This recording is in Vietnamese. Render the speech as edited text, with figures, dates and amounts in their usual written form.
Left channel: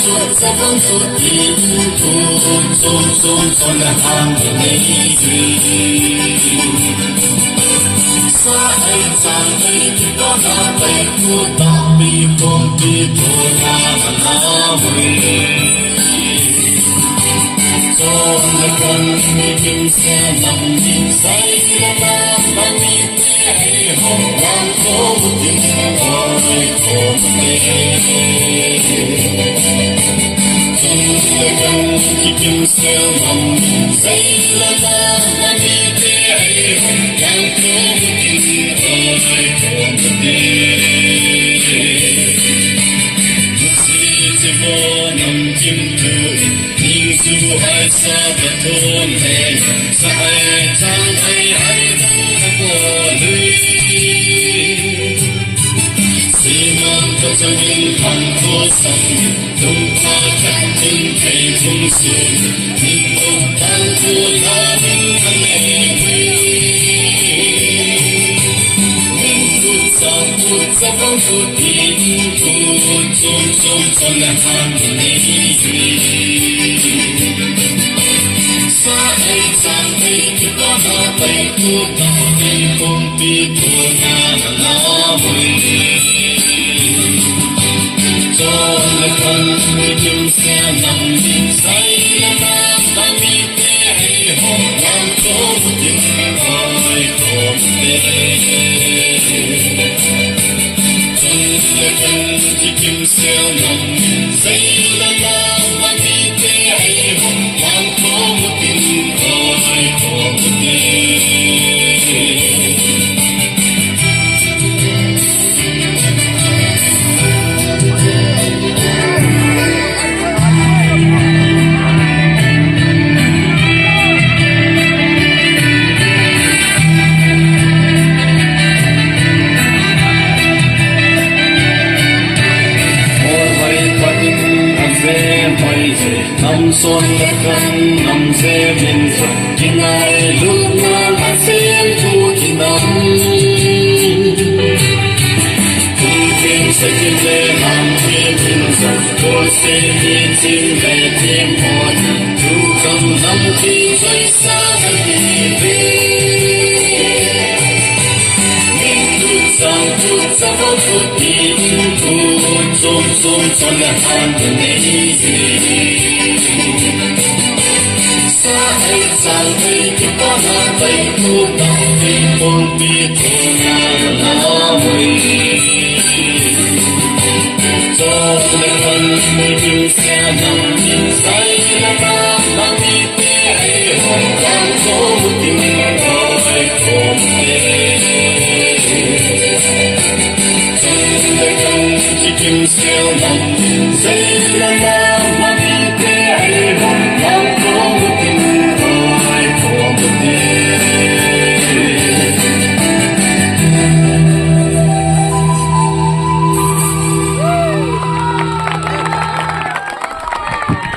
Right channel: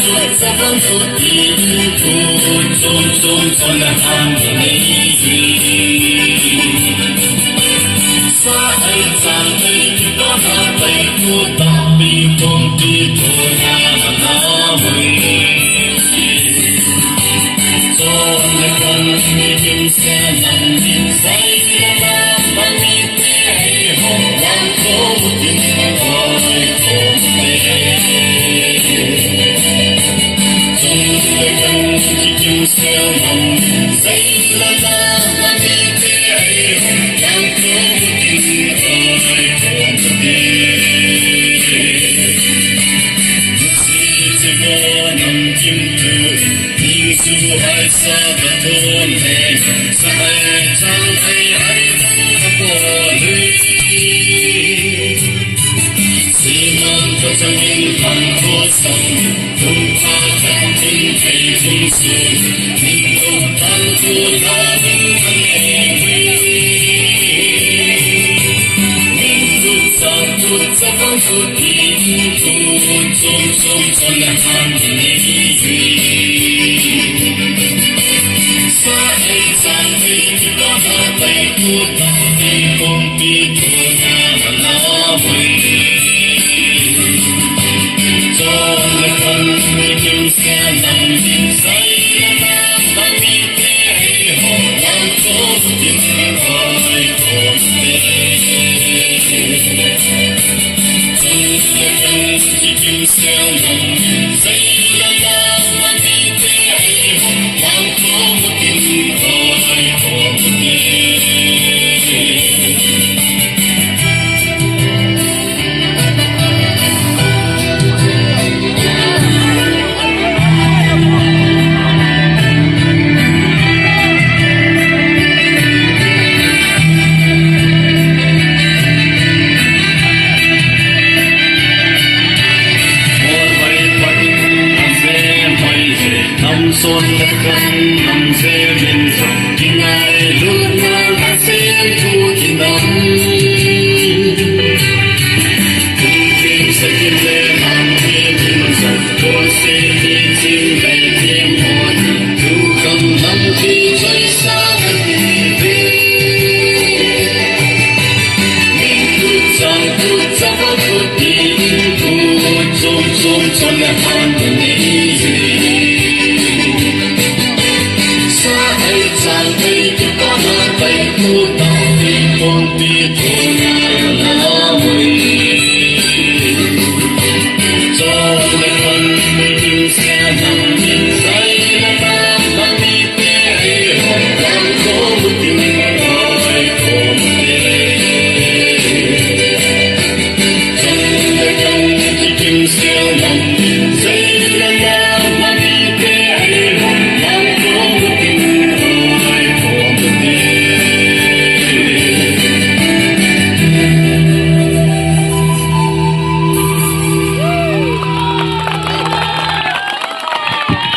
sa vang phút tin phút sum sum son la hang nei hi sa ai sang ai ti pa na pai tu ta mi kong ti to na na mui so le kan ni tin sa nam ni sai la la man ni te ai ho wan ko tin ko ko me son la kan nam se min sa king ai lu na la se tu tin nam tu tin sa tin le nam tin sa to se ni tin le tin mo tu kam nam ti sai sa ni ve min tu sa tu tin tu som son la han ni so